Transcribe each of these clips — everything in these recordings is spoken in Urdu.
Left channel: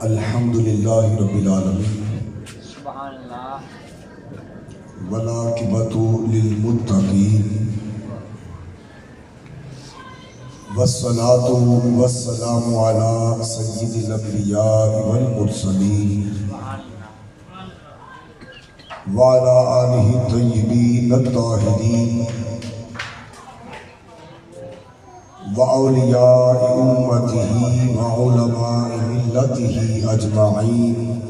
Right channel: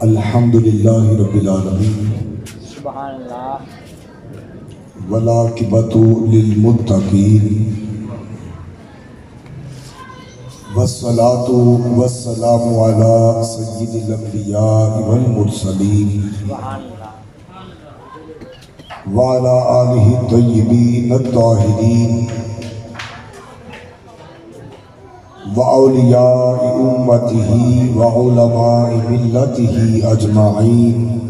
الحمدللہ رب العالمین سبحان اللہ والعاقبۃ للمتقین والصلاۃ والسلام علی سید الانبیاء والمرسلین سبحان اللہ وعلی آلہ الطیبین الطاہرین وأولیاء أمته وعلماء ملته أجمعين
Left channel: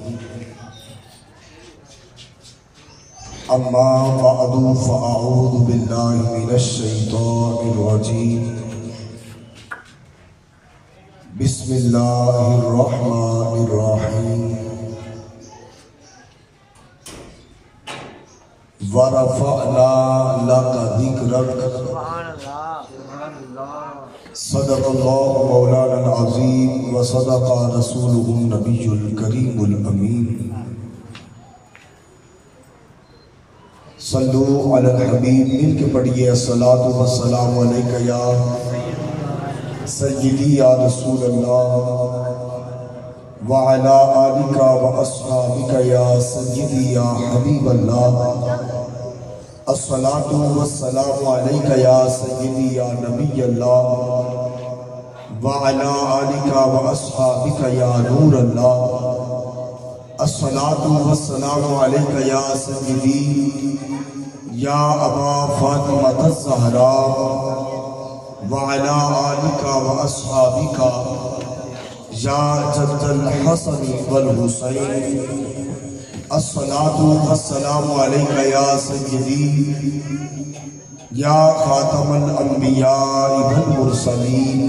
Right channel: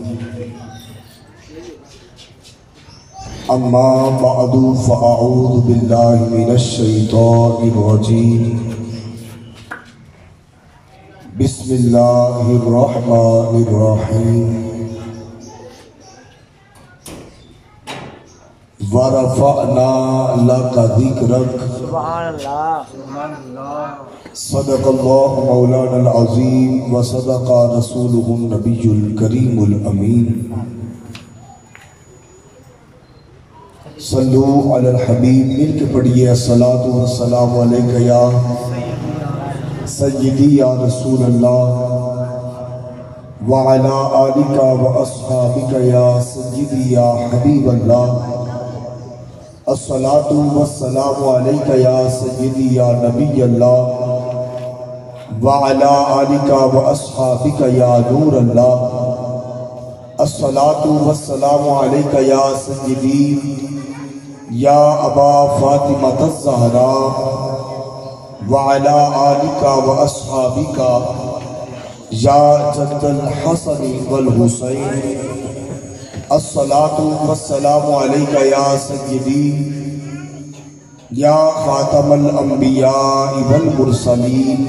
أما بعد فأعوذ بالله من الشيطان الرجيم بسم الله الرحمن الرحيم ورفعنا لك ذكرك سبحان اللہ صدق اللہ مولانا العظیم وصدق رسولہ النبی الکریم الامین صلو علی الحبیب مل کے پڑھئے الصلاۃ والسلام علیکہ یا سیدی یا رسول اللہ وعلی آلکہ واصحابکہ یا سیدی یا حبیب اللہ الصلاۃ والسلام علیکہ یا سیدی یا نبی اللہ وعلی آلکہ واصحابکہ یا نور اللہ الصلاۃ والسلام علیکہ یا سیدی یا ابا فاطمۃ الزہراء وعلی آلکہ واصحابکہ یا جد الحسن والحسین الصلاۃ والسلام علیکہ یا سیدی یا خاتم الانبیاء والمرسلین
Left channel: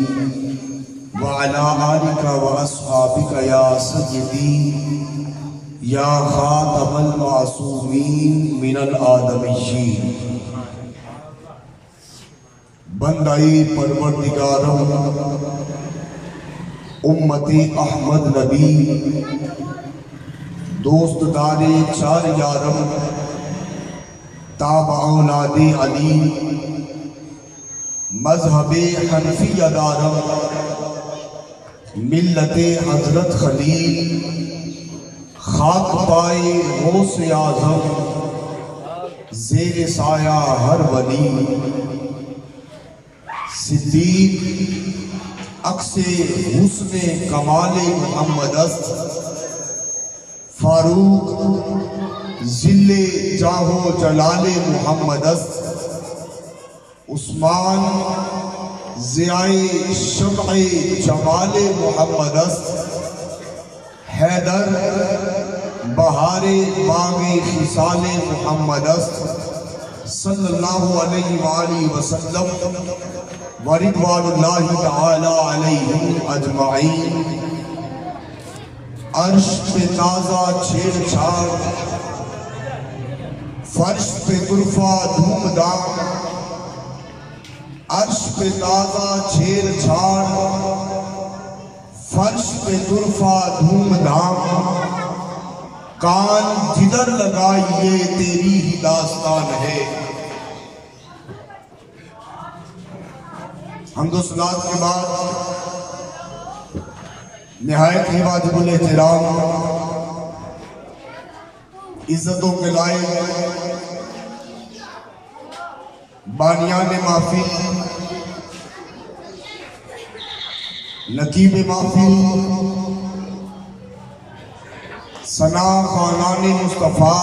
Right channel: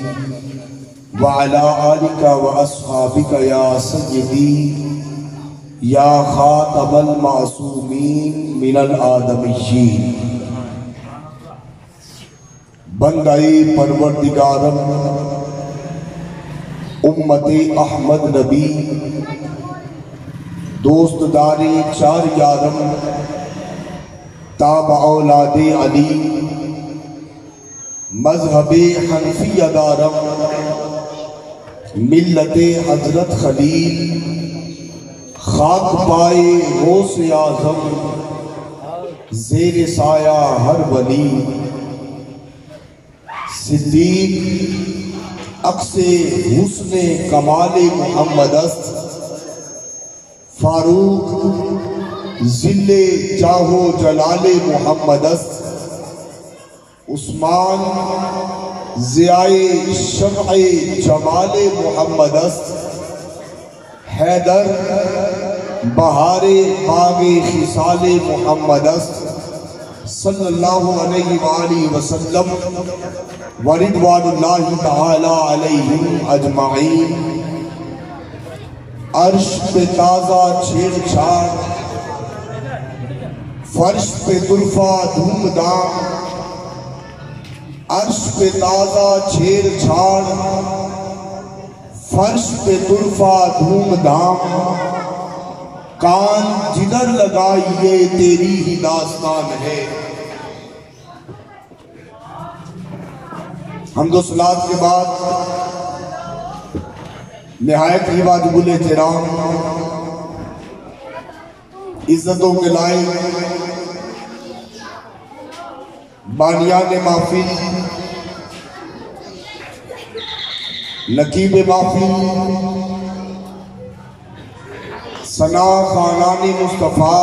وعلی آلکہ واصحابکہ یا سیدی یا خاتم المعصومین من الآدمیین بندائی پروردگارم امت احمد نبی دوست داری چار یارم تابع اولاد علی مذہب حنفی دارم ملت حضرت خلیل خاک پائے غوث اعظم زیر سایہ ہر ولی صدیق عکس حسن کمال محمد است فاروق ذل جاہ و جلال محمد است عثمان ضیائے شمع جمال محمد است حیدر بہار باغ خصال محمد است صلی اللہ علیہ وآلہ وسلم ورضوان اللہ تعالی علیہم اجمعین عرش پہ تازہ چھیڑ چھاڑ فرش پہ طرفہ دھوم دھام عرش پہ تازہ چھیڑ چھاڑ فرش پہ طرفہ دھوم دھام کان جدھر لگائیے تیری ہی داستان ہے حمد و صلات کے بعد نہایت ہی واجب الاحترام عزتوں کے لائق بانیان محفل نقیب محفل ثنا خانان مصطفیٰ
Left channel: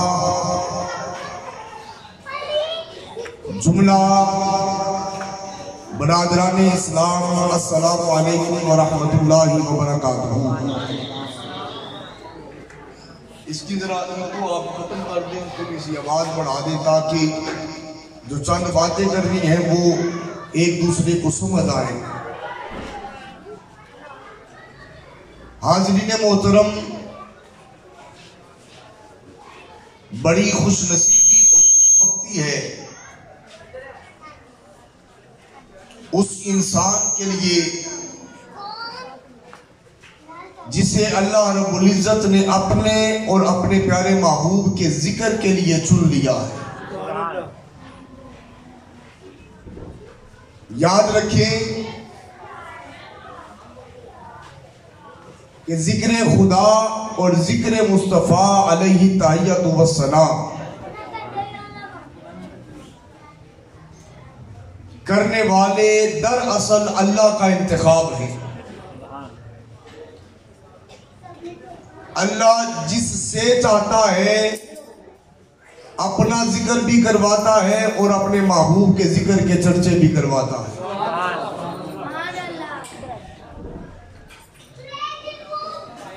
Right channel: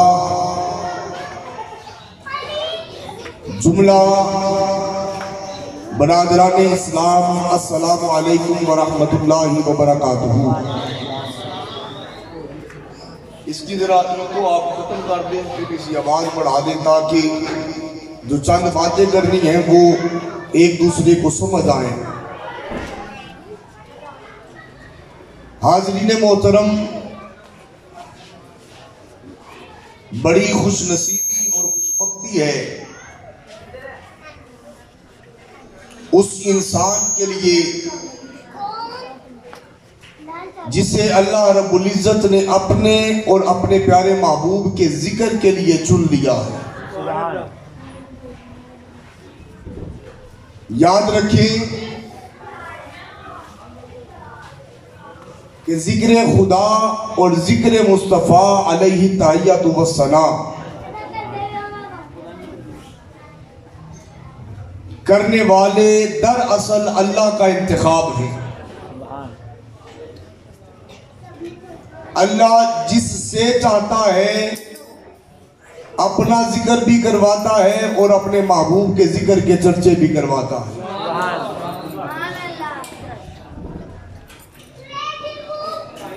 جملہ برادران اسلام السلام علیکم ورحمۃ اللہ وبرکاتہ اس کی ذرا ان کو آپ ختم کر دیں تھوڑی سی آواز بڑھا دیں تاکہ جو چند باتیں کرنی ہیں وہ ایک دوسرے کو سمجھ آئیں حاضرین محترم بڑی خوش نصیبی اور خوشبختی ہے اس انسان کے لیے جسے اللہ رب العزت نے اپنے اور اپنے پیارے محبوب کے ذکر کے لیے چن لیا ہے یاد رکھیں کہ ذکر خدا اور ذکر مصطفیٰ علیہ تحیۃ والسلام کرنے والے دراصل اللہ کا انتخاب ہے۔ اللہ جس سے چاہتا ہے اپنا ذکر بھی کرواتا ہے اور اپنے محبوب کے ذکر کے چرچے بھی کرواتا ہے۔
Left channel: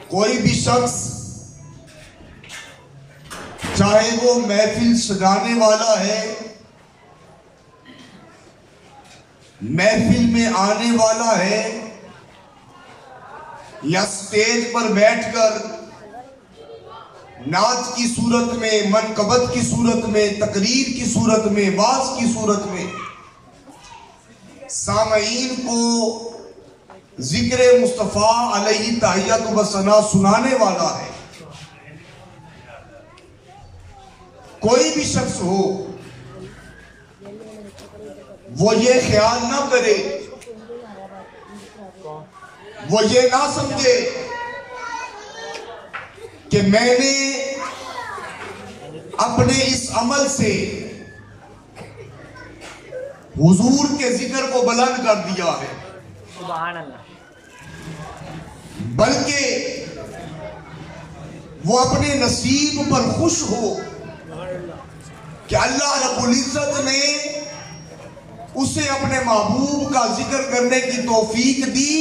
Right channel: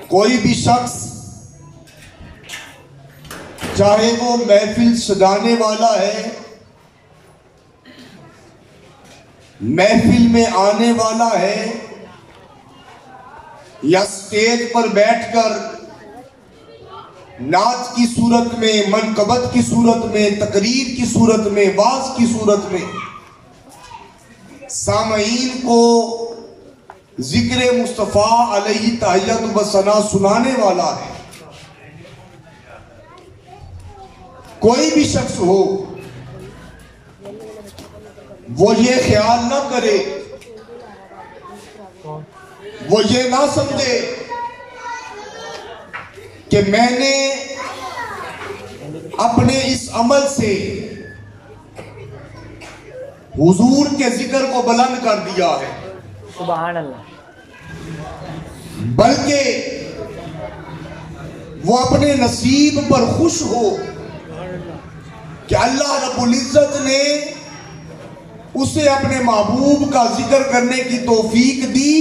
کوئی بھی شخص چاہے وہ محفل سجانے والا ہے، محفل میں آنے والا ہے، یا سٹیج پر بیٹھ کر نعت کی صورت میں، منقبت کی صورت میں، تقریر کی صورت میں، واعظ کی صورت میں سامعین کو ذکر مصطفیٰ علیہ تحیۃ والثناء سنانے والا ہے، کوئی بھی شخص ہو وہ یہ خیال نہ کرے، وہ یہ نہ سمجھے کہ میں نے اپنے اس عمل سے حضور کے ذکر کو بلند کر دیا ہے، سبحان اللہ، بلکہ وہ اپنے نصیب پر خوش ہو کہ اللہ رب العزت نے اسے اپنے محبوب کا ذکر کرنے کی توفیق دی،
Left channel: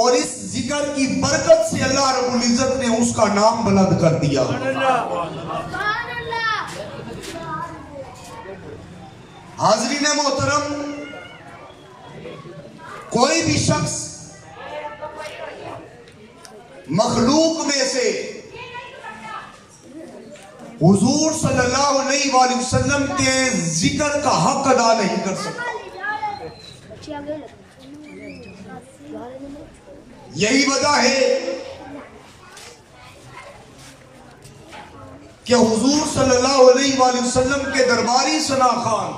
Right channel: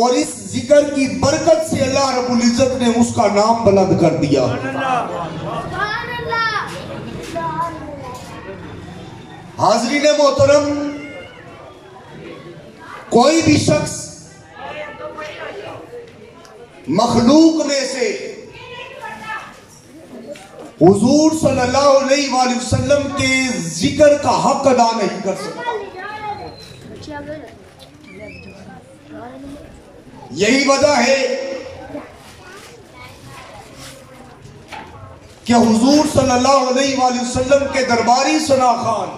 اور اس ذکر کی برکت سے اللہ رب العزت نے اس کا نام بلند کر دیا۔ حاضرین محترم، کوئی بھی شخص مخلوق میں سے حضور صلی اللہ علیہ وآلہ وسلم کے ذکر کا حق ادا نہیں کر سکتا۔ یہی وجہ ہے کہ حضور صلی اللہ علیہ وآلہ وسلم کے درباری ثنا خان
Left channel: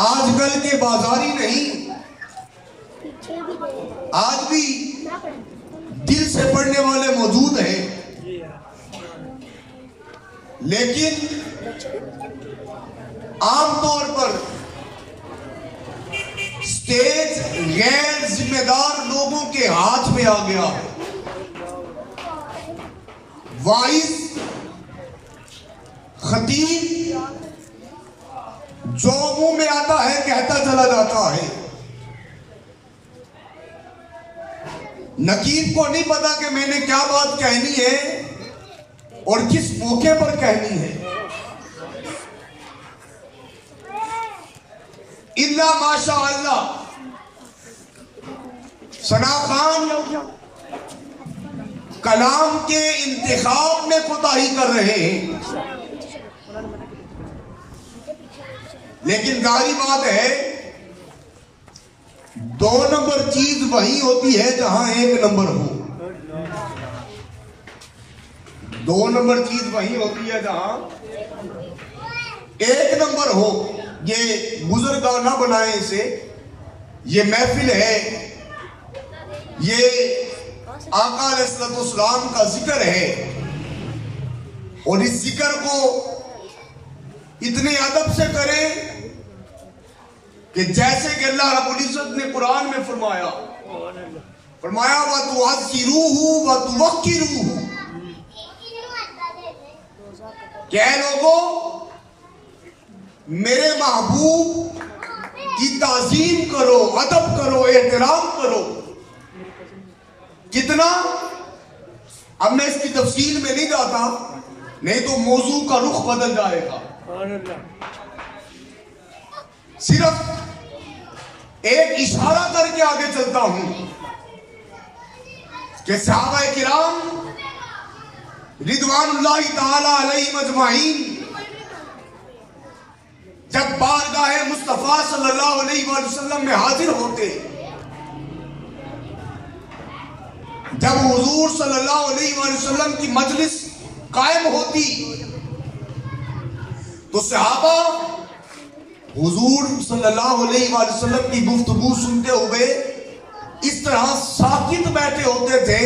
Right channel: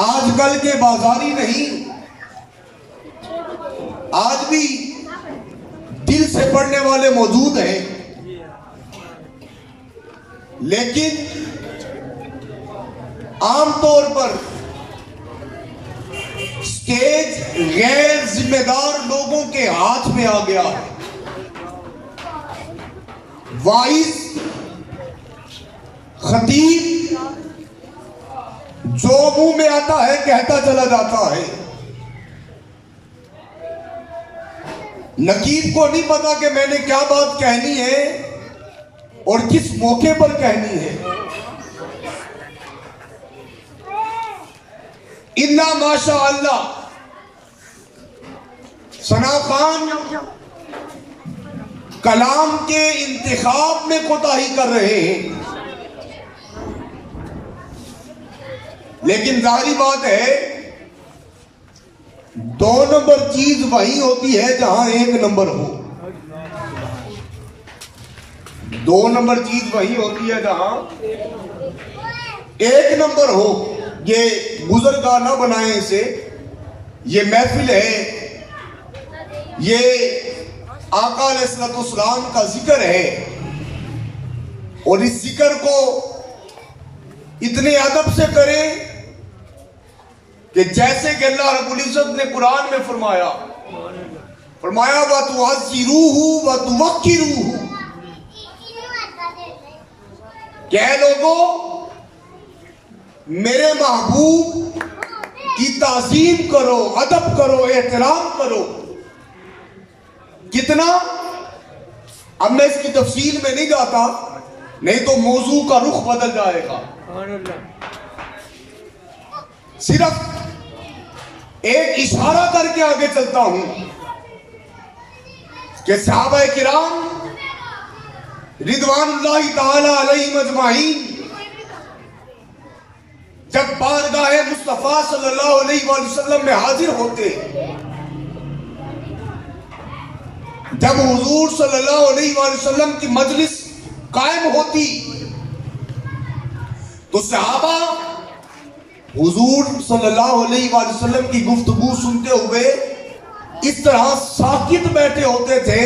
آج کل کے بازاری نہیں، آج بھی دل سے پڑھنے والے موجود ہیں، لیکن عام طور پر سٹیج غیر ذمہ دار لوگوں کے ہاتھ میں آ گیا ہے۔ واعظ، خطیب جو منہ میں آتا ہے کہتا چلا جاتا ہے، نقیب کو نہیں پتا کہ میں نے کیا بات کہنی ہے اور کس موقع پر کہنی ہے۔ الا ماشاء اللہ ثنا خان کلام کے انتخاب میں کوتاہی کر رہے ہیں، لیکن ظاہری بات ہے دو نمبر چیز وہی ہوتی ہے جہاں ایک نمبر ہو، دو نمبر چیز وہی ہوتی ہے جہاں ایک نمبر ہو۔ یہ بزرگاہ نہ بنائیں اسے، یہ محفل ہے، یہ آقا علیہ السلام کا ذکر ہے، اور اس ذکر کو اتنے ادب سے کریں کہ جیسے کہ اللہ رب العزت نے قرآن میں فرمایا وَتُعَزِّرُوهُ وَتُوَقِّرُوهُ، کہ اے لوگوں میرے محبوب کی تعظیم کرو، ادب کرو، احترام کرو۔ کتنا؟ اب میں اس کی تفصیل میں نہیں جاتا، نہیں تو موضوع کا رخ بدل جائے گا۔ صرف ایک اشارہ کر کے آگے چلتا ہوں کہ صحابہ کرام رضوان اللہ تعالی علیہم اجمعین جب بارگاہ مصطفیٰ صلی اللہ علیہ وآلہ وسلم میں حاضر ہوتے، جب حضور صلی اللہ علیہ وآلہ وسلم کی مجلس قائم ہوتی تو صحابہ حضور صلی اللہ علیہ وآلہ وسلم کی گفتگو سنتے ہوئے اس طرح ساکت بیٹھے ہوتے تھے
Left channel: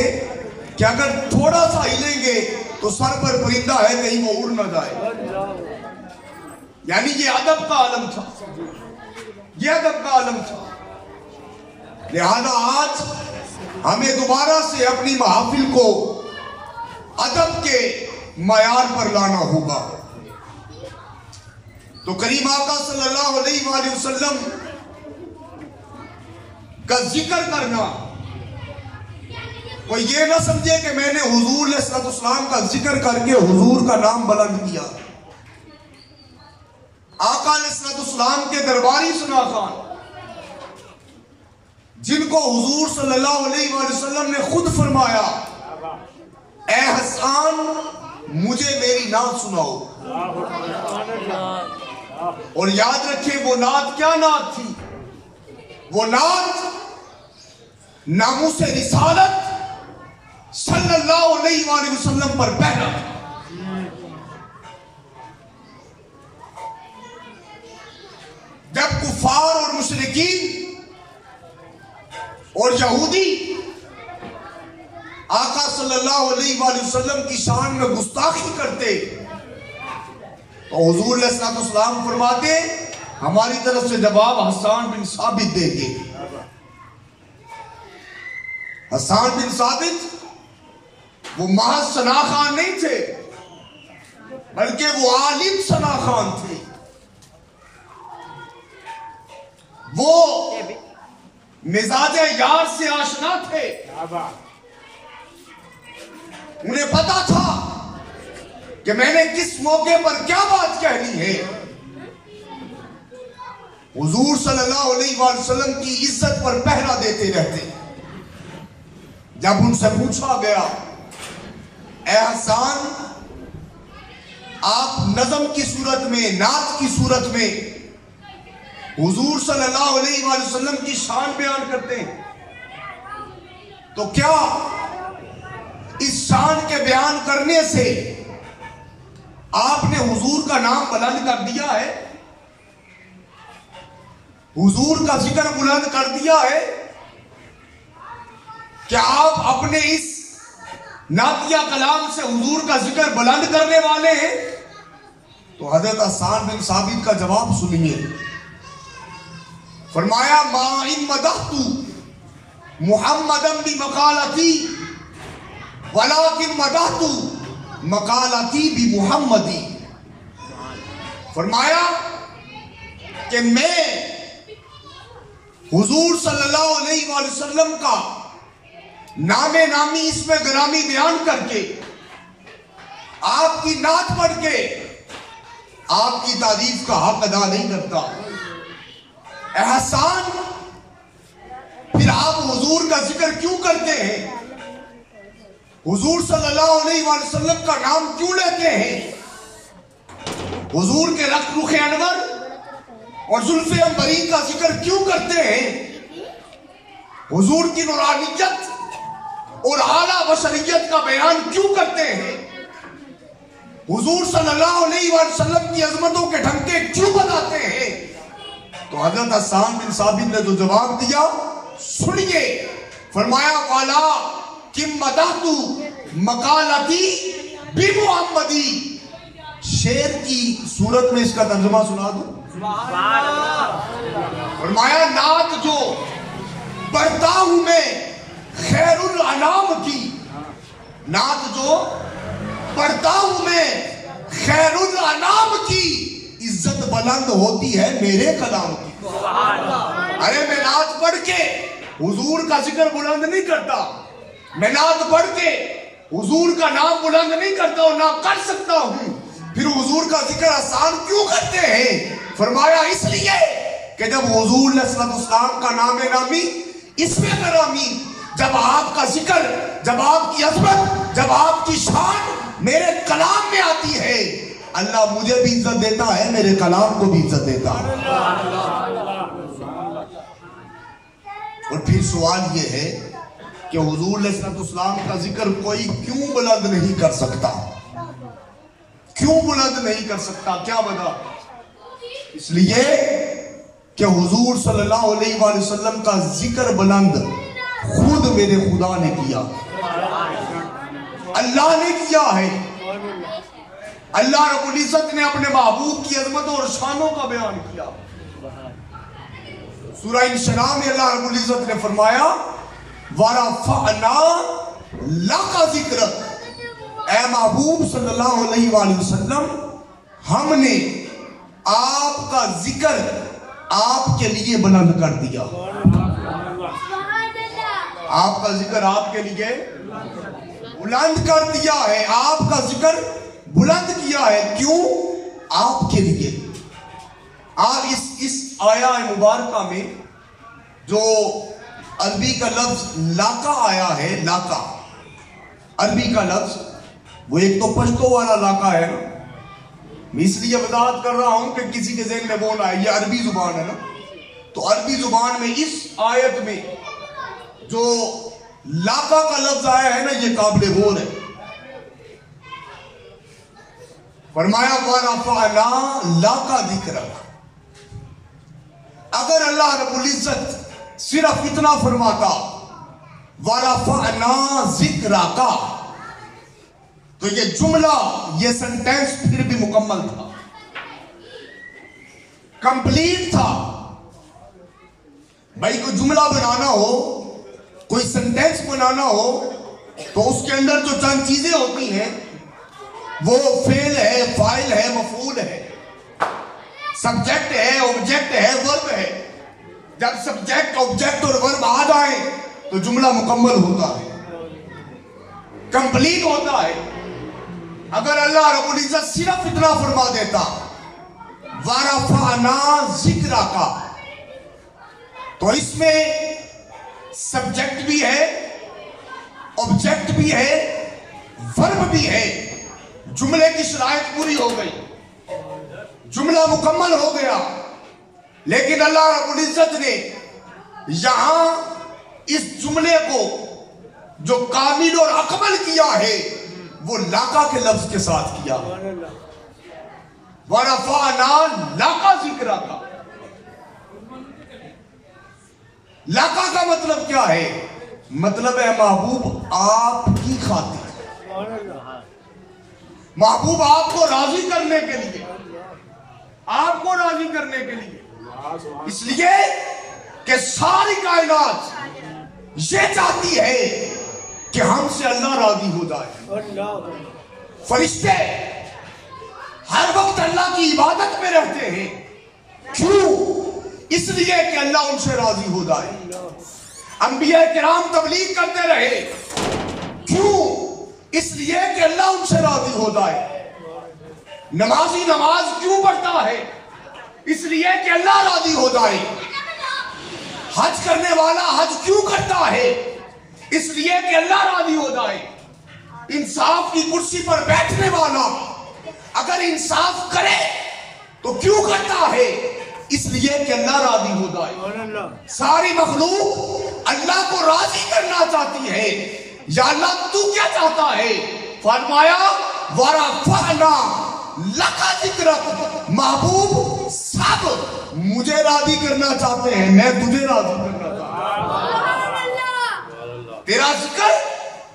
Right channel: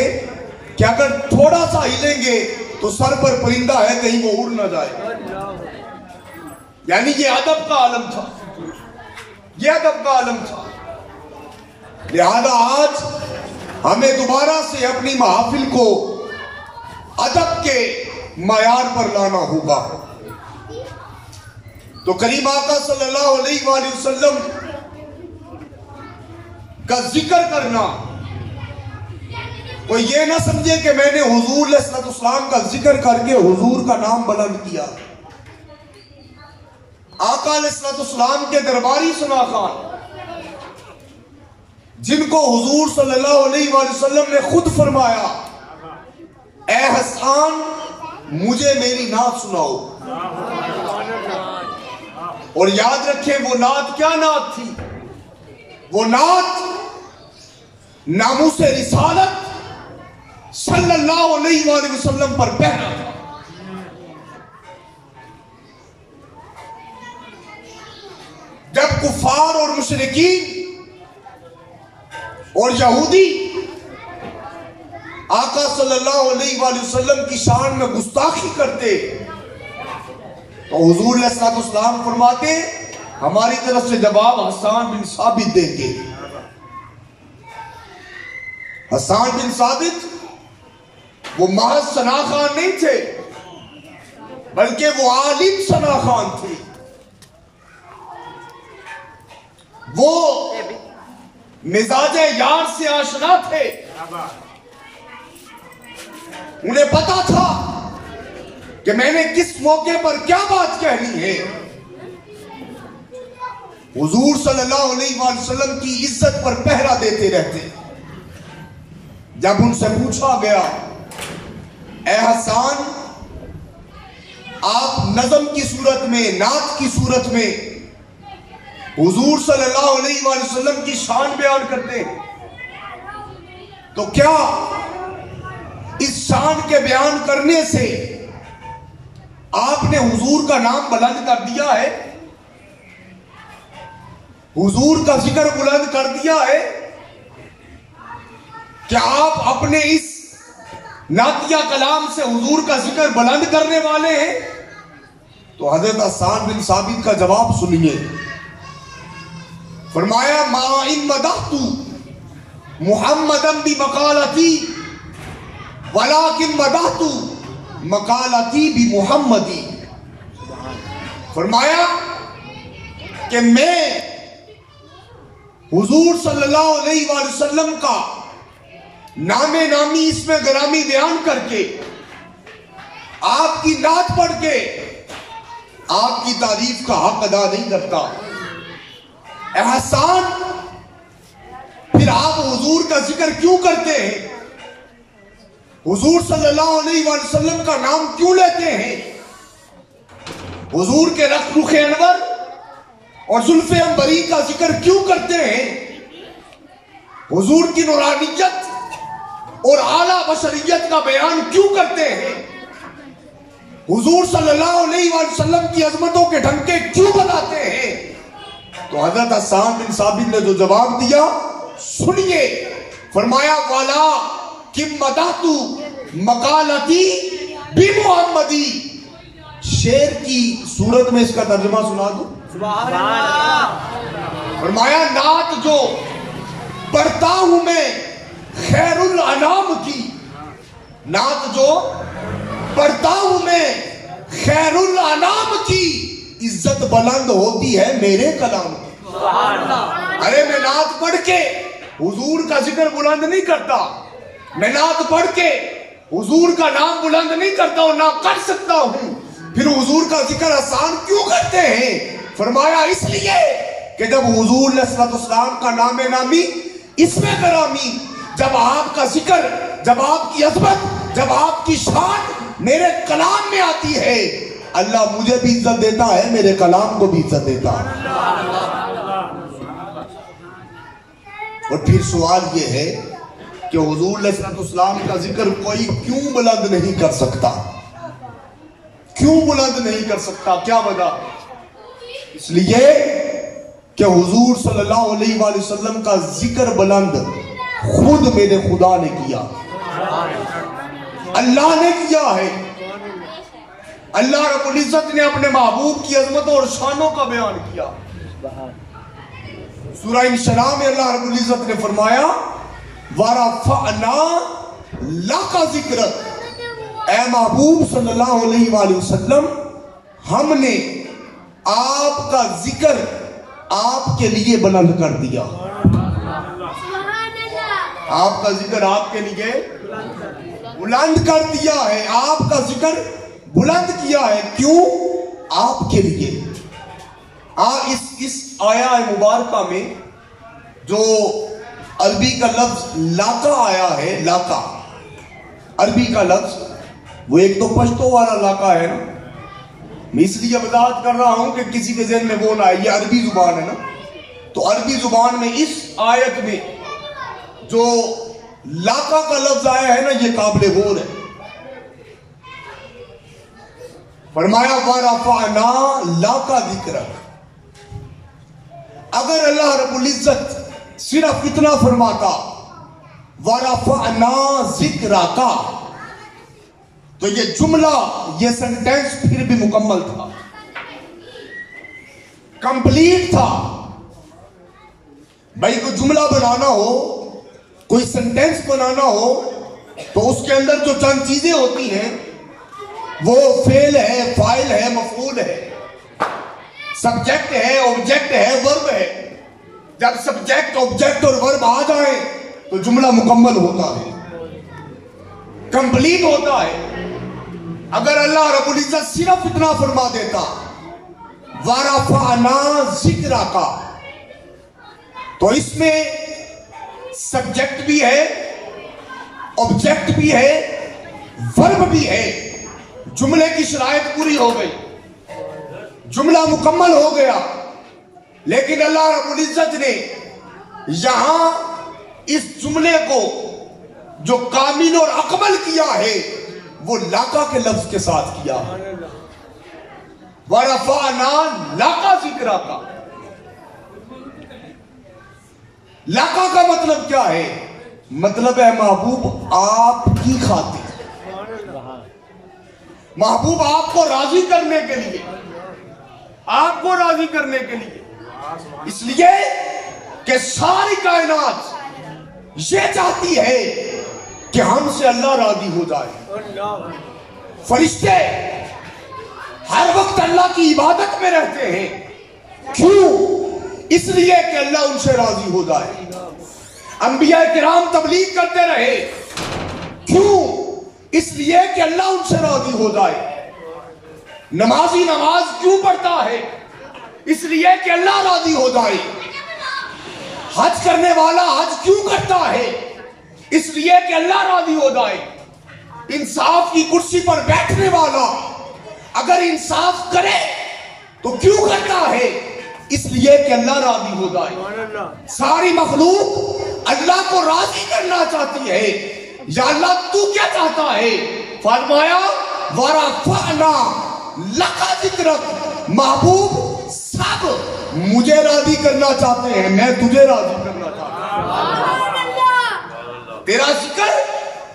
کہ اگر تھوڑا سا ہلیں گے تو سر پر پرندہ ہے کہیں وہ اڑ نہ جائے. یعنی یہ ادب کا عالم تھا, یہ ادب کا عالم تھا. لہذا آج ہمیں دوبارہ سے اپنی محافل کو ادب کے معیار پر لانا ہوگا. تو کریم آقا صلی اللہ علیہ وآلہ وسلم کا ذکر کرنا, کوئی یہ نہ سمجھے کہ میں نے حضور علیہ السلام کا ذکر کر کے حضور کا نام بلند کیا. آقا علیہ السلام کے درباری ثنا خان, جن کو حضور صلی اللہ علیہ وآلہ وسلم نے خود فرمایا اے حسان مجھے میری نعت سناؤ, اور یاد رکھیں وہ نعت کیا نعت تھی؟ وہ نعت ناموس رسالت صلی اللہ علیہ وآلہ وسلم پر پہنا تھا. جب کفار اور مشرکین اور یہودی آقا صلی اللہ علیہ وآلہ وسلم کی شان میں گستاخی کرتے تو حضور علیہ السلام فرماتے ہماری طرف سے جواب حسان بن ثابت دیں گے. حسان بن ثابت وہ محض ثنا خان نہیں تھے بلکہ وہ عالم ثنا خان تھے. وہ مزاج یار سے آشنا تھے. انہیں پتا تھا کہ میں نے کس موقع پر کیا بات کہنی ہے. حضور صلی اللہ علیہ وآلہ وسلم کی عزت پر پہرا دیتے رہتے. جب ان سے پوچھا گیا اے حسان آپ نظم کی صورت میں, نعت کی صورت میں حضور صلی اللہ علیہ وآلہ وسلم کی شان بیان کرتے ہیں, تو کیا اس شان کے بیان کرنے سے آپ نے حضور کا نام بلند کر دیا ہے؟ حضور کا ذکر بلند کر دیا ہے؟ کیا آپ اپنے اس نعتیہ کلام سے حضور کا ذکر بلند کرنے والے ہیں؟ تو حضرت حسان بن ثابت کا جواب سنیے. فرمایا ما ان مدحت محمدا بمقالتی ولکن مدحت مقالتی بمحمدی. فرمایا کہ میں حضور صلی اللہ علیہ وآلہ وسلم کا نام نامی اسم گرامی بیان کر کے آپ کی نعت پڑھ کے آپ کی تعریف کا حق ادا نہیں کرتا. احسان پھر آپ حضور کا ذکر کیوں کرتے ہیں؟ حضور صلی اللہ علیہ وآلہ وسلم کا نام کیوں لیتے ہیں؟ حضور کے رخ انور اور زلف عنبری کا ذکر کیوں کرتے ہیں؟ حضور کی نورانیت اور اعلیٰ بشریت کا بیان کیوں کرتے ہیں؟ حضور صلی اللہ علیہ وآلہ وسلم کی عظمتوں کے ڈھنکے کیوں بتاتے ہیں؟ تو حضرت حسان بن ثابت نے جو جواب دیا سنیے. فرمایا والا کم مدحت مقالتی بمحمدی. شعر کی صورت میں اس کا ترجمہ سنا دوں. فرمایا نعت جو پڑھتا ہوں میں خیر الانام کی, نعت جو پڑھتا ہوں میں خیر الانام کی, عزت بلند ہوتی ہے میرے کلام کی. ارے میں نعت پڑھ کے حضور کا ذکر بلند نہیں کرتا, میں نعت پڑھ کے حضور کا نام بلند نہیں کرتا اور نہ کر سکتا ہوں. پھر حضور کا ذکر آسان کیوں کرتے ہیں؟ فرمایا اس لیے کہ جب حضور علیہ السلام کا نام نامی اسم گرامی, جب آپ کا ذکر, جب آپ کی عظمت, جب آپ کی شان میرے کلام میں آتی ہے, اللہ مجھے بھی عزت دیتا ہے, میرے کلام کو بھی عزت دیتا ہے. اور پھر سوال یہ ہے کہ حضور علیہ السلام کا ذکر کوئی کیوں بلند نہیں کر سکتا؟ کیوں بلند نہیں کر سکتا؟ کیا وجہ؟ اس لیے کہ حضور صلی اللہ علیہ وآلہ وسلم کا ذکر بلند خود میرے خدا نے کیا، اللہ نے کیا ہے۔ اللہ رب العزت نے اپنے محبوب کی عظمت اور شانوں کا بیان کیا۔ سورہ انشراح میں اللہ رب العزت نے فرمایا وَرَفَعْنَا لَكَ ذِكْرَكَ، اے محبوب صلی اللہ علیہ وآلہ وسلم، ہم نے آپ کا ذکر آپ کے لیے بلند کر دیا۔ آپ کا ذکر آپ کے لیے بلند کر دیا ہے، آپ کا ذکر بلند کیا ہے۔ کیوں؟ آپ کے لیے۔ اس آیا مبارکہ میں جو عربی کا لفظ لاکا آیا ہے، لاکا عربی کا لفظ، وہ ایک تو پشتو والا لاکا ہے نا، میں اس لیے وضاحت کر رہا ہوں کہ کسی کے ذہن میں وہ نہ آئے، یہ عربی زبان ہے نا، تو عربی زبان میں اس آیت میں جو لاکا کا لفظ آیا ہے نا، یہ قابل غور ہے۔ فرمایا وَرَفَعْنَا لَكَ ذِكْرَكَ، اگر اللہ رب العزت صرف اتنا فرماتا وَرَفَعْنَا ذِكْرَكَ، تو یہ جملہ، یہ سنٹینس پھر بھی مکمل تھا، کمپلیٹ تھا۔ بھائی کوئی جملہ بنانا ہو، کوئی سنٹینس بنانا ہو، تو اس کے اندر جو چند چیزیں ہوتی ہیں وہ فعل ہے، فاعل ہے، مفعول ہے، سبجیکٹ ہے، آبجیکٹ ہے، ورب ہے۔ جب سبجیکٹ، آبجیکٹ اور ورب آ جائیں تو جملہ مکمل ہوتا ہے، کمپلیٹ ہوتا ہے۔ اگر اللہ رب العزت صرف اتنا فرما دیتا وَرَفَعْنَا ذِكْرَكَ، تو اس میں سبجیکٹ بھی ہے، آبجیکٹ بھی ہے، ورب بھی ہے، جملے کی شرائط پوری ہو گئی، جملہ مکمل ہو گیا۔ لیکن اللہ رب العزت نے یہاں اس جملے کو جو کامل اور اکمل کیا ہے وہ لاکا کے لفظ کے ساتھ کیا۔ وَرَفَعْنَا لَكَ ذِكْرَكَ، لاکا کا مطلب کیا ہے؟ مطلب ہے محبوب آپ کی خاطر، محبوب آپ کو راضی کرنے کے لیے، آپ کو راضی کرنے کے لیے، اس لیے کہ ساری کائنات یہ چاہتی ہے کہ ہم سے اللہ راضی ہو جائے۔ فرشتے ہر وقت اللہ کی عبادت میں رہتے ہیں، کیوں؟ اس لیے کہ اللہ ان سے راضی ہو جائے۔ انبیاء کرام تبلیغ کرتے رہے، کیوں؟ اس لیے کہ اللہ ان سے راضی ہو جائے۔ نمازی نماز کیوں پڑھتا ہے؟ اس لیے کہ اللہ راضی ہو جائے۔ حج کرنے والا حج کیوں کرتا ہے؟ اس لیے کہ اللہ راضی ہو جائے۔ انصاف کی کرسی پر بیٹھنے والا اگر انصاف کرے تو کیوں کرتا ہے؟ اس لیے کہ اللہ راضی ہو جائے۔ ساری مخلوق اللہ کو راضی کرنا چاہتی ہے۔ یا اللہ تو کیا چاہتا ہے؟ فرمایا وَرَفَعْنَا لَكَ ذِكْرَكَ، محبوب سب مجھے راضی کرنا چاہتے ہیں، میں تجھے راضی کرنا چاہتا ہوں۔ تیرا ذکر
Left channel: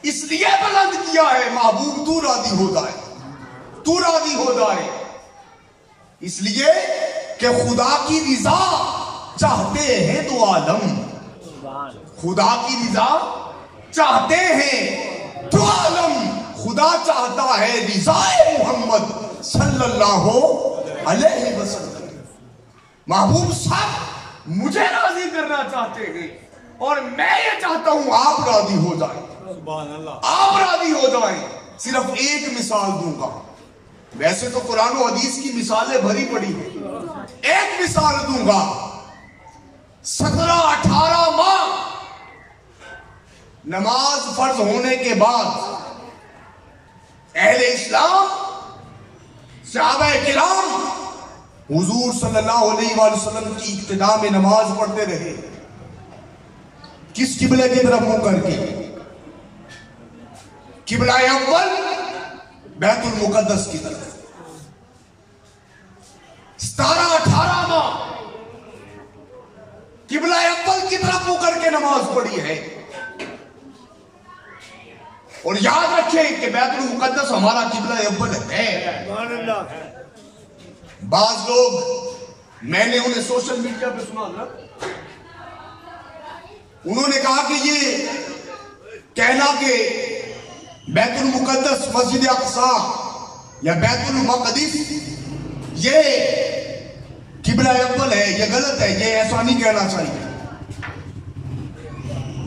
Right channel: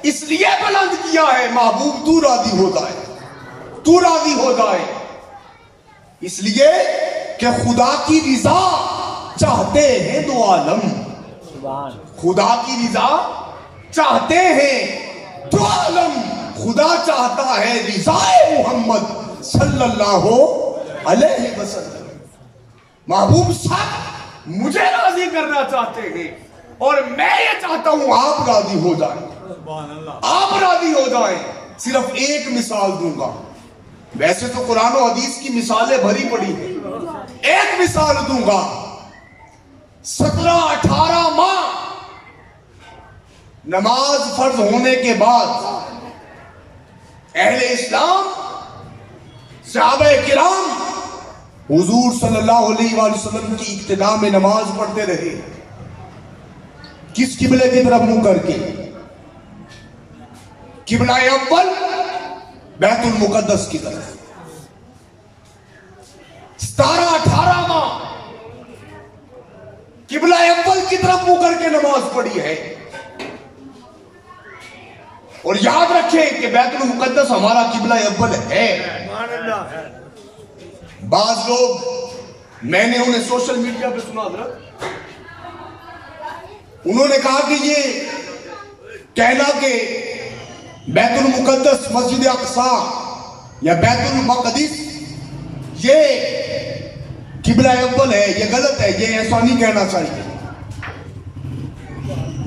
اس لیے بلند کیا ہے محبوب تو راضی ہو جائے، تو راضی ہو جائے، اس لیے کہ خدا کی رضا چاہتے ہیں دو عالم، خدا کی رضا چاہتے ہیں دو عالم۔ خدا چاہتا ہے رضا محمد صلی اللہ علیہ وسلم۔ محبوب سب مجھے راضی کرنا چاہتے ہیں اور میں یہ چاہتا ہوں آپ راضی ہو جائیں، آپ راضی ہو جائیں۔ صرف ایک مثال دوں گا، ویسے تو قرآن و حدیث کی مثالیں بھری پڑی ہیں، ایک مثال دوں گا۔ 17-18 ماہ نماز فرض ہونے کے بعد اہل اسلام، صحابہ کرام حضور صلی اللہ علیہ وآلہ وسلم کی اقتداء میں نماز پڑھتے رہے۔ کس قبلے کی طرف منہ کر کے؟ قبلہ اول بیت المقدس کی طرف۔ 17-18 ماہ قبلہ اول کی طرف منہ کر کے نماز پڑھی ہے۔ اور یاد رکھیں کہ بیت المقدس ہمارا قبلہ اول ہے. بعض لوگ، میں نے انہیں سوشل میڈیا پہ سنا تھا، انہوں نے کہا کہ یہ کہنا کہ بیت المقدس مسجد اقصی یا بیت المقدس یہ قبلہ اول ہے، یہ غلط ہے، یہ ایسا نہیں کہنا چاہیے.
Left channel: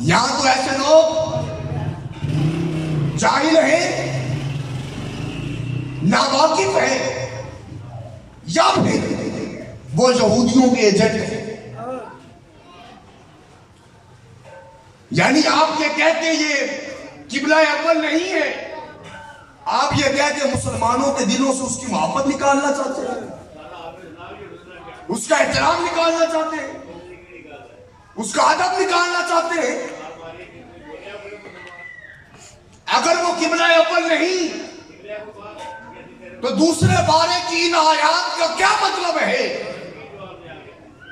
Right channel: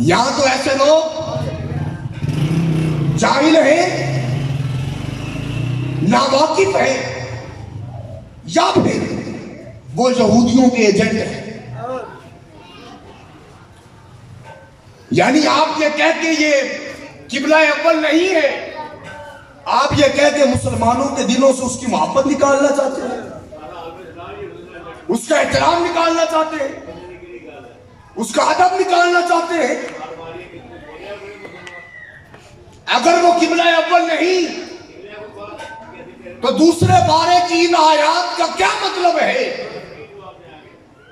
یہاں تو ایسے لوگ جاہل ہیں، ناواقف ہیں، یا پھر وہ یہودیوں کے ایجنٹ ہیں. یعنی آپ یہ کہہ کے یہ قبلہ اول نہیں ہے، آپ یہ کہہ کے مسلمانوں کے دلوں سے اس کی محبت نکالنا چاہتے ہیں، اس کا احترام نکالنا چاہتے ہیں، اس کا ادب نکالنا چاہتے ہیں. اگر وہ قبلہ اول نہیں تو دوسرے بارے کی ان آیات کا کیا مطلب ہے؟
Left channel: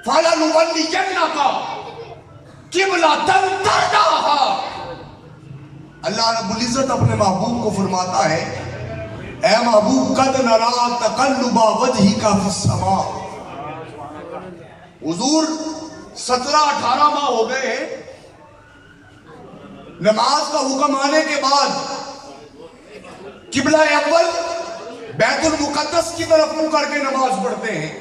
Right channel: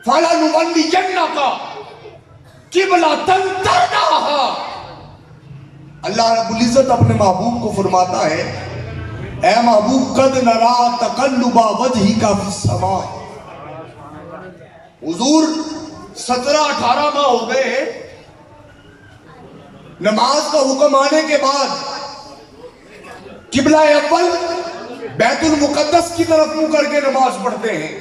فَلَنُوَلِّيَنَّكَ قِبْلَةً تَرْضَاهَا. اللہ رب العزت اپنے محبوب کو فرماتا ہے، اے محبوب قَدْ نَرَىٰ تَقَلُّبَ وَجْهِكَ فِي السَّمَاءِ. حضور 17-18 ماہ ہو گئے ہیں، نماز کا حکم آنے کے بعد قبلہ اول بیت المقدس کی طرف منہ کر کے نماز پڑھتے ہیں.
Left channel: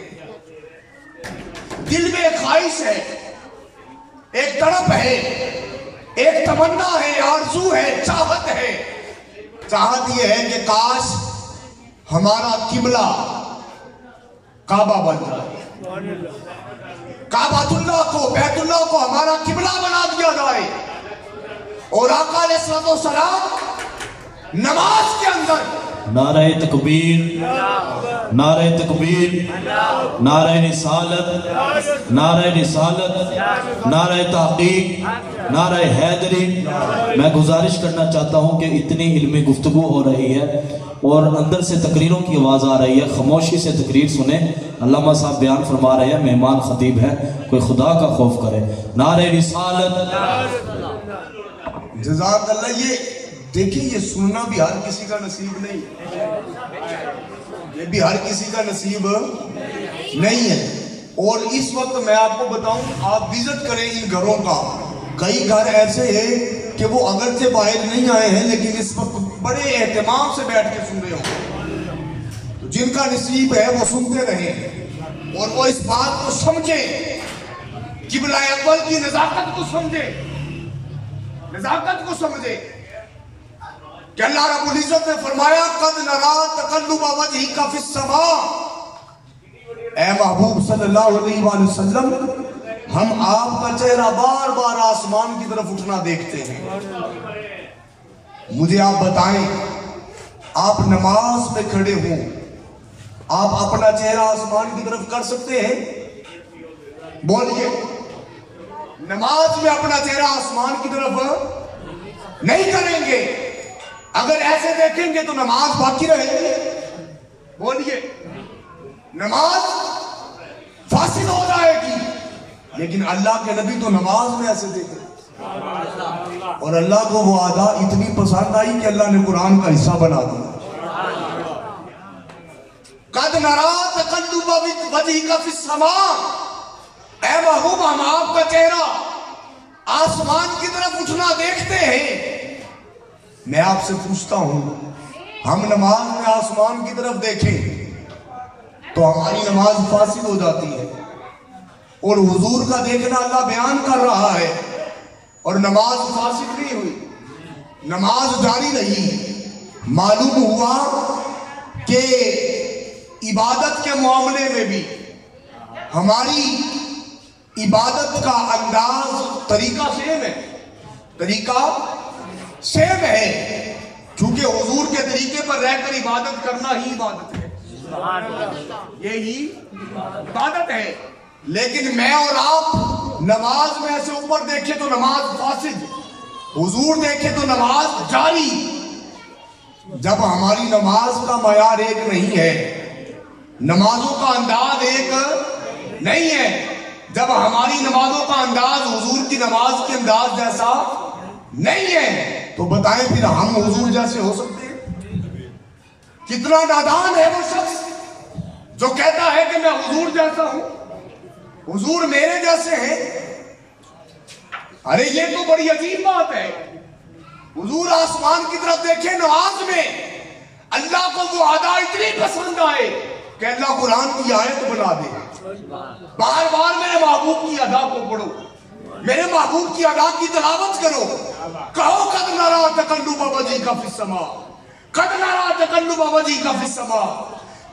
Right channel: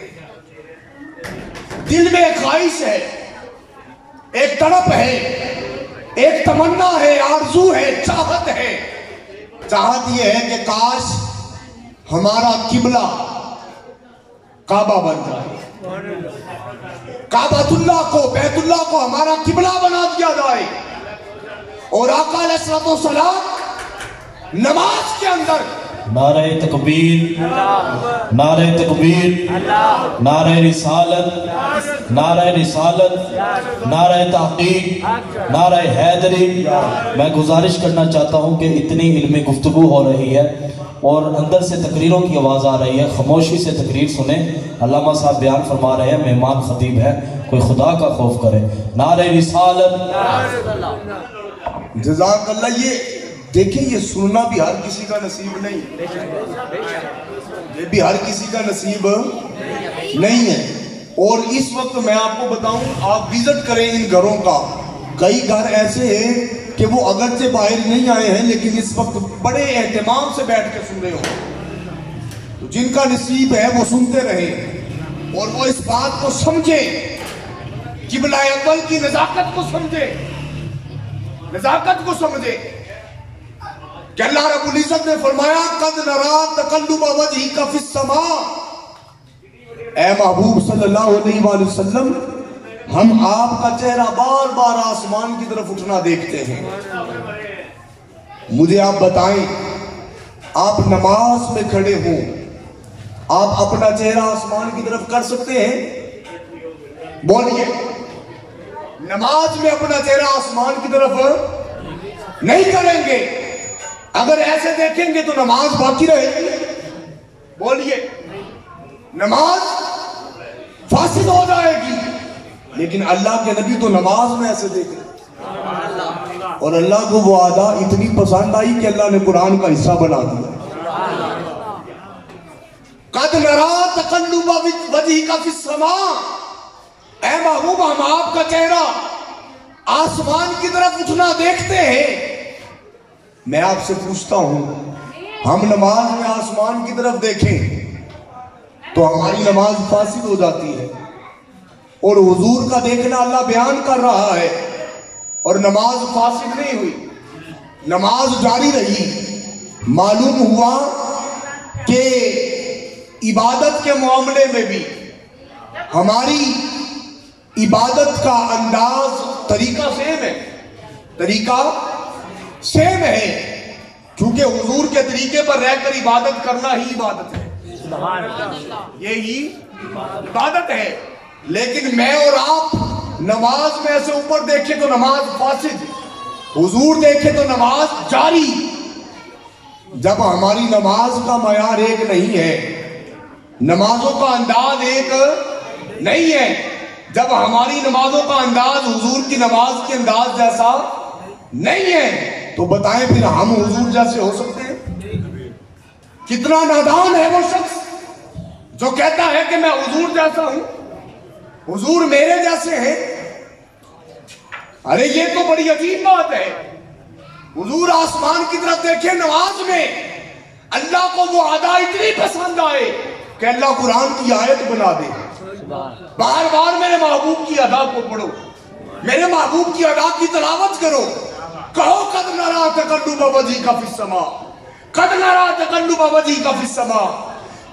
دل میں ایک خواہش ہے، ایک تڑپ ہے، ایک تمنا ہے، آرزو ہے، چاہت ہے. چاہت یہ ہے کہ کاش ہمارا قبلہ کعبہ بن جائے، کعبۃ اللہ کو، بیت اللہ کو ہمارا قبلہ بنا دیا جائے، اور آقا علیہ السلام نماز کے اندر نعرہ تکبیر، نعرہ تکبیر، نعرہ رسالت، نعرہ رسالت، نعرہ تحقیق، نعرہ حیدری. میں گزارش کرنا چاہتا ہوں کہ اتنی علمی گفتگو ہو رہی ہے اور اندر سے تقریروں کی آواز آ رہی ہے، خاموشی سے تقریر سنیں. علامہ صاحب بیان فرما رہے ہیں، مہمان خطیب ہے، کوئی خدا کا خوف کرے. نعرہ رسالت. جزاک اللہ. یہ دیکھیں، یہ سننا بھی ہر کسی کا نصیب نہیں ہے، یہ بھی ہر کسی کا نصیب نہیں ہے. اور اس وقت میں آپ کو بتاؤں، آپ وزٹ کریں ان گھروں کا، کئی گھر ایسے ہیں کہ وہ اگرچہ باہر نہیں آئے ہیں لیکن اس وقت بڑے اہتمام سے بیٹھ کے سن رہے ہوں. تو جن کا نصیب ہے وہ سنتے رہیں اور وہ اس بات کو سمجھیں، قبلہ اول کی نزاکت کو سمجھیں، نزاکت کو سمجھے کہ اللہ رب العزت نے فرمایا قَدْ نَرَىٰ تَقَلُّبَ وَجْهِكَ فِي السَّمَاءِ. اے محبوب صلی اللہ علیہ وآلہ وسلم، ہم آپ کا چہرہ بار بار آسمان کی طرف اٹھنا دیکھتے ہیں. مجھے آپ بتائیں، آپ نماز میں کھڑے ہوں، آپ اپنا چہرہ آسمان کی طرف کر سکتے ہیں؟ بولیے. نماز میں اپنا چہرہ آسمان کی طرف نہیں کریں گے. اگر ایسے دیکھیں گے تو نماز باقی رہے گی. بولیے. نماز فاسد ہو جائے گی. لیکن اللہ کے نبی تو نماز میں ایسے دیکھیں، اور اللہ کو وہ ادا اتنی پسند آئی کہ اللہ نے قرآن کا حصہ بنا دیا. قَدْ نَرَىٰ تَقَلُّبَ وَجْهِكَ فِي السَّمَاءِ. اے محبوب، ہم آپ کا چہرہ آسمان کی طرف اٹھنا دیکھتے ہیں. میں آپ سے پوچھتا ہوں، ہم نماز میں آسمان کی طرف دیکھیں تو ہماری نماز فاسد ہو جاتی ہے، اور حضور کا دیکھنا اللہ بیان کر رہا ہے اور نماز فاسد نہیں ہوئی، نماز جاری رہی. معلوم ہوا کہ عبادت کے معاملے میں بھی ہماری عبادت کا انداز، طریقہ سیم ہے، طریقہ سیم ہے، کیونکہ حضور کے طریقے پر رہ کر عبادت کرنا ہی عبادت ہے، یہی عبادت ہے. لیکن میں اور آپ نماز میں ایسے اوپر دیکھیں تو نماز فاسد، حضور دیکھیں تو نماز جاری. جب ہماری نماز کا معیار ایک نہیں ہے، نمازوں کا انداز ایک نہیں ہے، جب ہماری نمازوں کا انداز حضور کی نماز کے انداز جیسا نہیں ہے تو بتائیں پھر ہم حضور جیسے ہو سکتے ہیں؟ کتنا نادان ہے وہ شخص جو کہتا ہے کہ میں حضور جیسا ہوں، حضور میرے جیسے ہیں۔ ارے یہ تو بڑی عجیب بات ہے۔ حضور آسمان کی طرف دیکھیں، نماز میں اللہ کو وہ ادا اتنی پسند آئے کہ اللہ قرآن کی آیت بنا دے، بار بار میرے محبوب کی ادا کو پڑھو، میرے محبوب کی ادا کی تلاوت کرو، کہو قد نرا تقلب وجهك فی السماء، قد نرا تقلب وجهك فی السماء،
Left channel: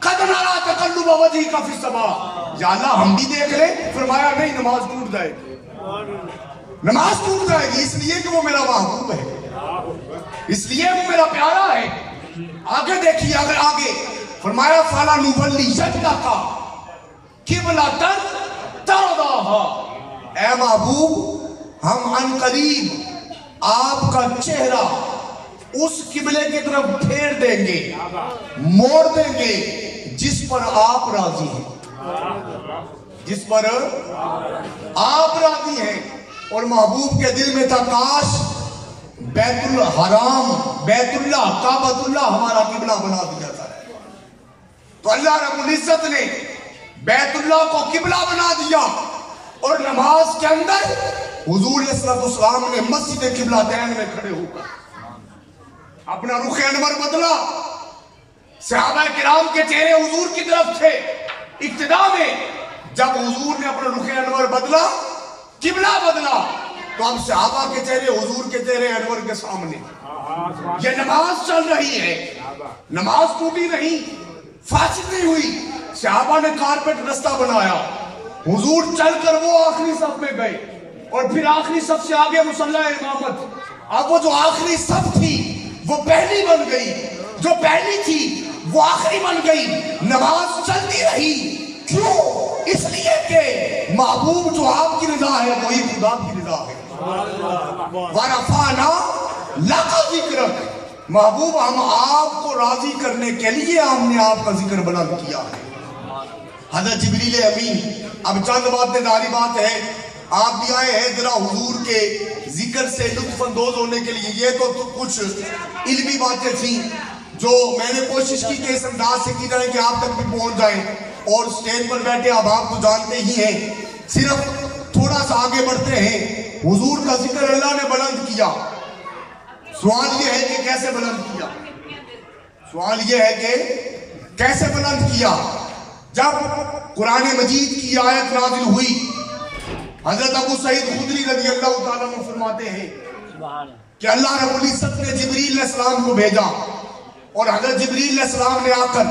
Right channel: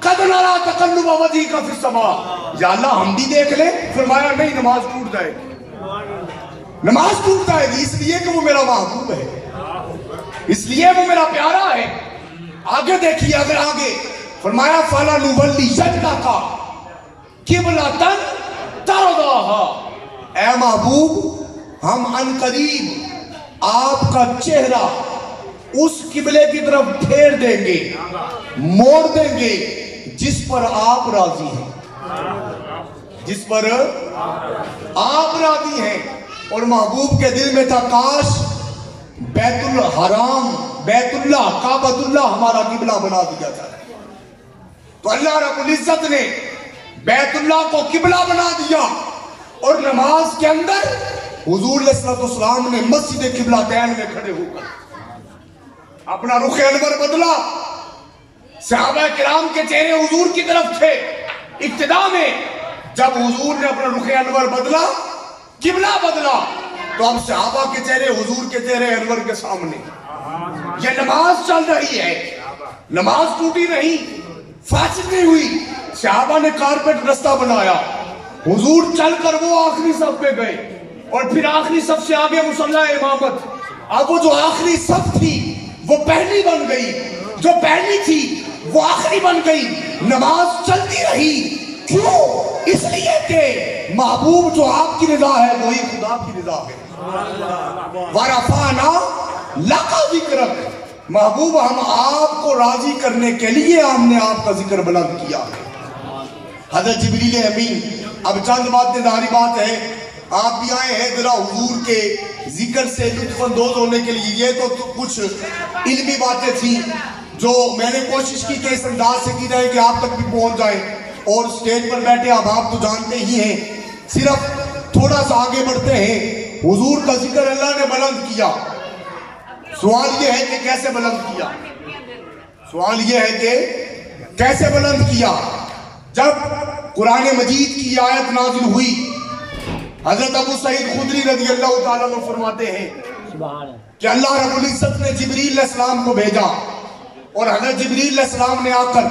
قد نرا تقلب وجهك فی السماء۔ یا اللہ ہم بھی دیکھ لیں؟ فرمایا نہیں، نماز ٹوٹ جائے گی، نماز ٹوٹ جائے گی، اس لیے کہ وہ میرا محبوب ہے، اس لیے وہ میرا پیارا ہے۔ آگے دیکھیے، اگر آگے فرمایا فَلَنُوَلِّيَنَّكَ قِبْلَةً تَرْضَاهَا، اے محبوب ہم ان قریب آپ کا چہرہ اس قبلے کی طرف پھیر دیں گے، موڑ دیں گے جس پر آپ راضی ہیں، جس پر آپ راضی ہیں۔ اور محبوب کے دل میں تھا کاش بیت الحرام، بیت اللہ، کعبۃ اللہ ہمارا قبلہ بنا دیا جائے۔ تو اللہ رب العزت نے بیت اللہ کو قبلہ بنا دیا، اور نماز کے اندر حضور علیہ السلام نے مسجد قبلتین میں کھڑے ہو کر اپنا رخ انور بدلا۔ صحابہ کرام کے چہرے حضور کی طرف تھے ابتدا میں، جب حضور نے اپنا رخ انور بدلا، قبلہ بدلا، تو اب صحابہ کے چہرے حضور کے چہرے انور کے سامنے۔ یہ نماز چل رہی ہے، نماز ٹوٹی نہیں، فاسد نہیں ہوئی۔ صحابہ نے کارپیٹ رستہ بنایا، حضور چل کر وہ آخری صف پہ گئے، اور پھر آخری صف سے آگے مصلی امامت۔ اب وہ جو آخری صف تھی وہ پہلی بن گئی، جو پہلی تھی وہ آخری بن گئی، نماز چلتی رہی۔ کیوں؟ اس لیے کہ محبوب جو آپ کی رضا ہے وہی خدا کی رضا ہے۔ وَرَفَعْنَا لَكَ ذِكْرَكَ، محبوب ہم آپ کو راضی کرنے کے لیے ہم نے آپ کا ذکر بلند کیا ہے۔ حضرت جبریل امین، اب چند باتیں داری بات ہے، آپ بھی آئے ہیں ذرا حضور کے ذکر سے لطف اندوز ہونے کے لیے۔ یہ تو کچھ علمی باتیں تھیں جو میں نے کوشش کی کہ اس انداز سے کی جائے کہ آپ تک بھی پہنچ جائیں، اور سٹیج پر بیٹھے اب آپ تو جانتے ہی ہیں۔ صرف تھوڑا سا آگے بڑھتے ہیں۔ حضور کا ذکر اللہ نے بلند کیا، سوال یہ ہے کہ کیسے بلند کیا؟ سوال یہ ہے کہ کیسے بلند کیا؟ جب قرآن مجید کی آیت نازل ہوئی، حضرت ابو سعید خدری رضی اللہ تعالیٰ عنہ فرماتے ہیں کہ اللہ رب العزت نے جبریل علیہ السلام کو بھیجا، اور حضرت جبریل علیہ السلام نے آ کر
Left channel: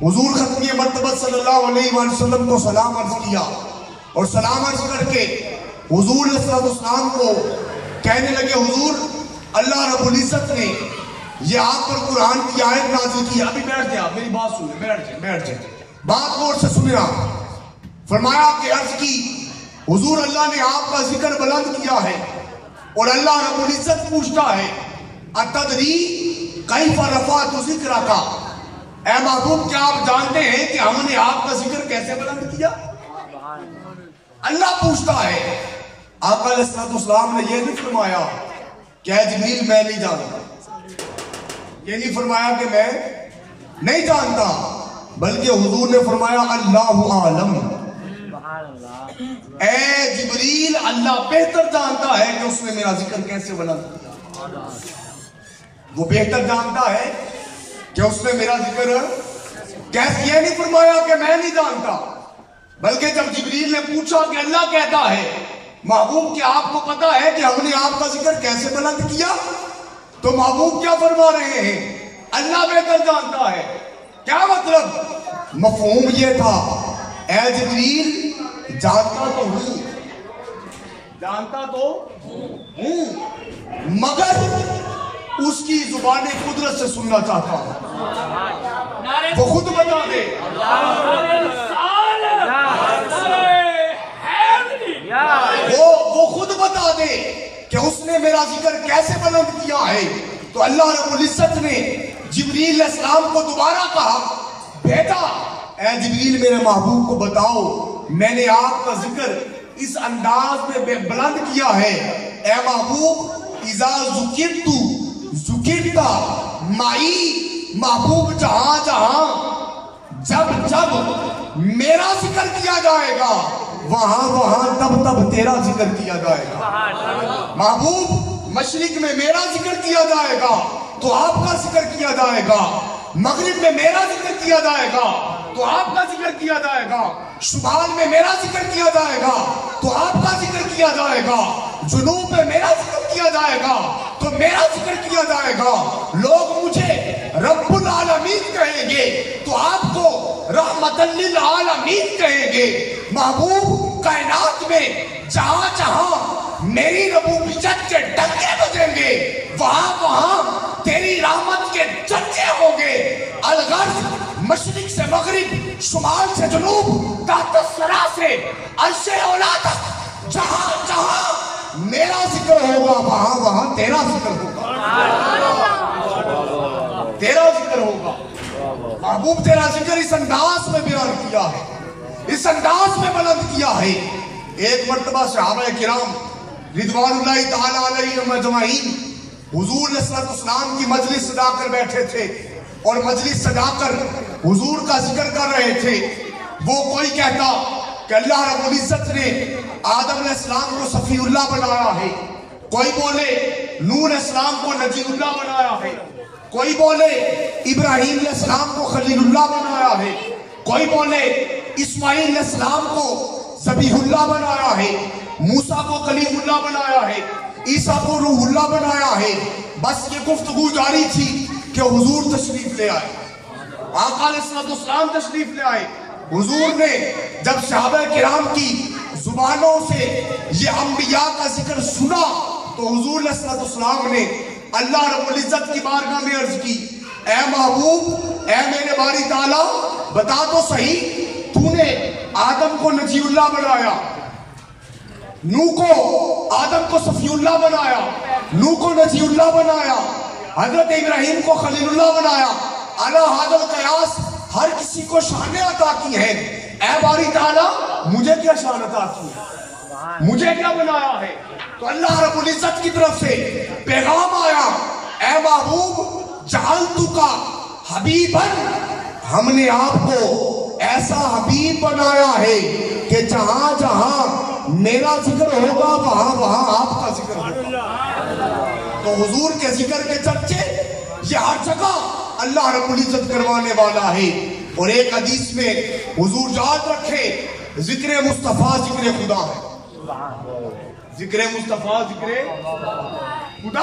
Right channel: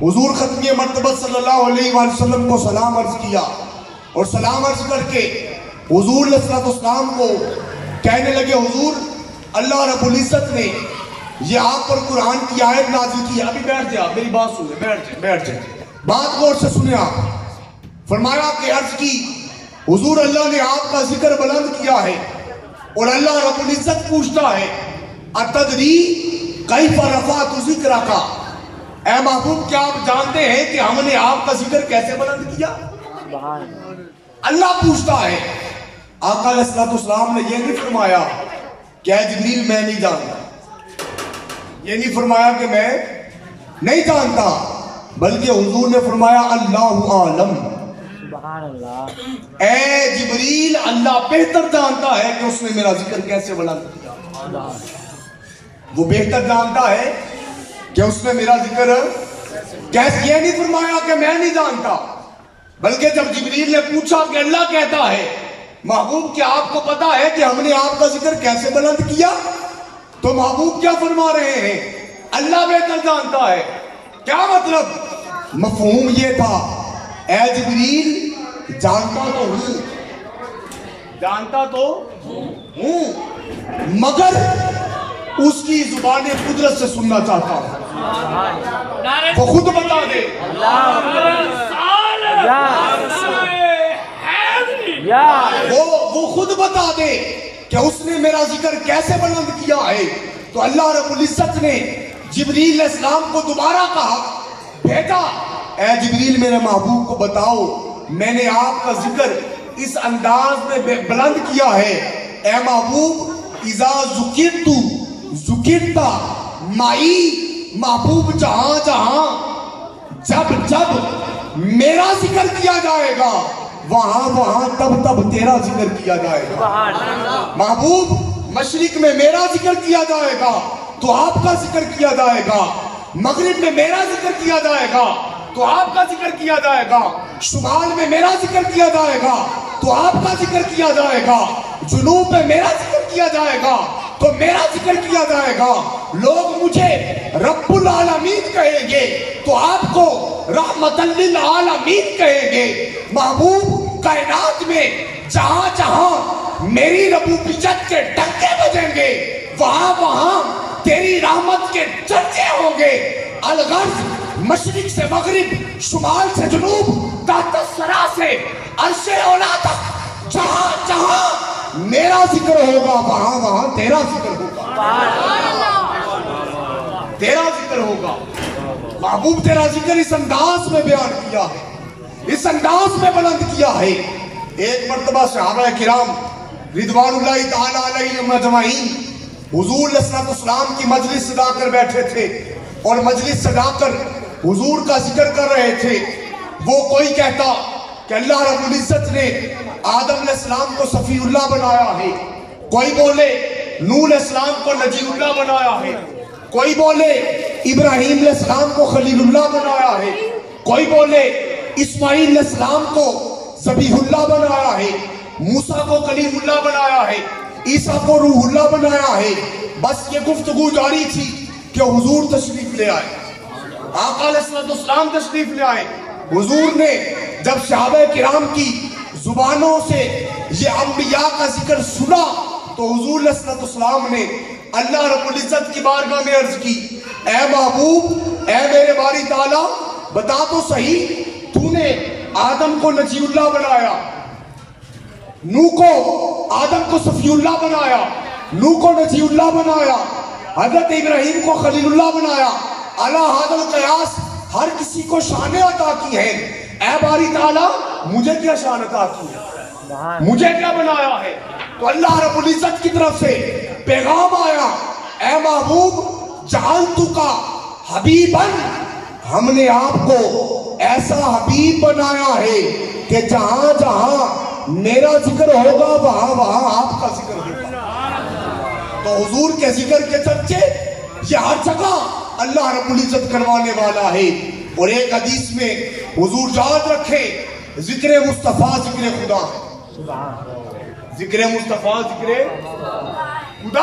حضور ختمی مرتبہ صلی اللہ علیہ وآلہ وسلم کو سلام عرض کیا، اور سلام عرض کر کے حضور علیہ السلام کو کہنے لگے حضور اللہ رب العزت نے یہ آپ پر قرآن کی آیت نازل کی۔ ابھی بیٹھ جائے، میری بات سنیں، بیٹھ جائے، بات غور سے سنیں آپ۔ فرمایا کہ عرض کی حضور اللہ نے آپ کا ذکر بلند کیا ہے، اور اللہ رب العزت پوچھتا ہے اتدری کیف رفعت ذکرک، اے محبوب کیا آپ جانتے ہیں کہ ہم نے آپ کا ذکر کیسے بلند کیا؟ اللہ پوچھتا ہے۔ آقا علیہ السلام نے یہ نہیں فرمایا کہ اے جبریل میں نہیں جانتا، یہ نہیں فرمایا کہ میں نہیں جانتا، بلکہ حضور نے فرمایا اللہ عالم، اے جبریل اللہ بہتر جانتا ہے کہ اس نے میرا ذکر کیسے بلند کیا۔ وہ بہتر جانتا ہے کہ اس نے میرا ذکر کیسے، یہ نہیں فرمایا کہ میں نہیں جانتا، بلکہ جب جبریل نے پوچھا کہ اللہ کہتا ہے محبوب کیا آپ کو پتا ہے کہ ہم نے آپ کا ذکر کیسے بلند کیا، تو محبوب کیا فرما رہے ہیں؟ اللہ بہتر جانتا ہے۔ کیا مطلب؟ مفہوم یہ تھا اے جبریل جانتا تو ہوں، جانتا تو ہوں، مگر اس کی زبان قدرت سے سننا چاہتا ہوں، وہ خود بتا دے، وہ خود بتا دے کہ اس نے میرا ذکر کیسے بلند کیا ہے۔ تو اللہ رب العزت نے جبریل علیہ السلام کو دوبارہ کہا، بھیجا، اے جبریل میرے محبوب کو بتاؤ میں نے آپ کا ذکر اس انداز میں بلند کیا ہے۔ اے محبوب اذا ذکرت ذکرت مائی محبوب جہاں جہاں جب جب میرا ذکر کیا جائے گا وہاں وہاں تب تب تیرا ذکر کیا جائے گا. محبوب مشرق میں میرا ذکر کیا جائے گا تو آپ کا ذکر کیا جائے گا. مغرب میں میرا ذکر کیا جائے گا تو آپ کا ذکر کیا جائے گا. شمال میں میرا ذکر کیا جائے گا تو آپ کا ذکر کیا جائے گا. جنوب میں میرا ذکر کیا جائے گا تو میرا ذکر کیا جائے گا. لوگ مجھے رب العالمین کہیں گے تو آپ کو رحمت للعالمین کہیں گے. محبوب کائنات میں جہاں جہاں میری ربوبیت کے ڈنکے بجیں گے وہاں وہاں تیری رحمت کے چرچے ہوں گے. الغرض مشرق سے مغرب، شمال سے جنوب، تحت الثری سے عرش اولا تک جہاں جہاں میرا ذکر ہوگا وہاں وہاں تیرا ذکر ہوگا. تیرا ذکر ہوگا. محبوب تیرا ذکر اس انداز میں بیان کیا ہے، اس انداز میں بلند کیا ہے. ایک مرتبہ صحابہ کرام رضوان اللہ تعالی علیہم اجمعین حضور علیہ السلام کی مجلس سجا کر بیٹھے تھے اور مجلس سجا کر حضور کا ذکر کر رہے تھے. وہ کوئی کہتا کہ اللہ رب العزت نے آدم علیہ السلام کو صفی اللہ بنایا ہے، کوئی بولے نوح علیہ السلام کو نجی اللہ بنایا ہے، کوئی بولے ابراہیم علیہ السلام کو خلیل اللہ بنایا ہے، کوئی بولے اسماعیل علیہ السلام کو ذبیح اللہ بنایا ہے، موسیٰ کو کلیم اللہ بنایا ہے، عیسیٰ کو روح اللہ بنایا ہے. بس یہ گفتگو جاری تھی کہ حضور تشریف لے آئے. آقا علیہ السلام تشریف لے آئے. حضور نے جب صحابہ کرام کی زبانوں سے یہ انبیاء کا ذکر سنا تو حضور علیہ السلام نے اللہ رب العزت کی بارگاہ میں عرض کی، اے محبوب، اے میرے باری تعالیٰ، بتا تو صحیح، تو نے آدم کو نجی اللہ بنایا، نوح کو آدم کو صفی اللہ بنایا، نوح کو نجی اللہ بنایا، حضرت ابراہیم کو خلیل اللہ بنایا. علی ھذا القیاس ہر کسی کو شان عطا کی ہے. اے باری تعالیٰ مجھے کیا شان عطا کی ہے، مجھے کیا بنایا ہے؟ تو اللہ رب العزت کی طرف سے پیغام آیا، اے محبوب جعلتک حبیبا، ہم نے آپ کو ایسا حبیب بنایا ہے کہ جہاں جہاں میرا ذکر ہوگا وہاں وہاں آپ کا ذکر ہوگا. تو حضور کے ذکر کے چرچے یہ ہر جگہ اللہ رب العزت کروانے والا ہے. اور ایک حدیث میں حضور یاد رکھے ذکر مصطفیٰ ذکر خدا ہے. ذکر مصطفیٰ ذکر خدا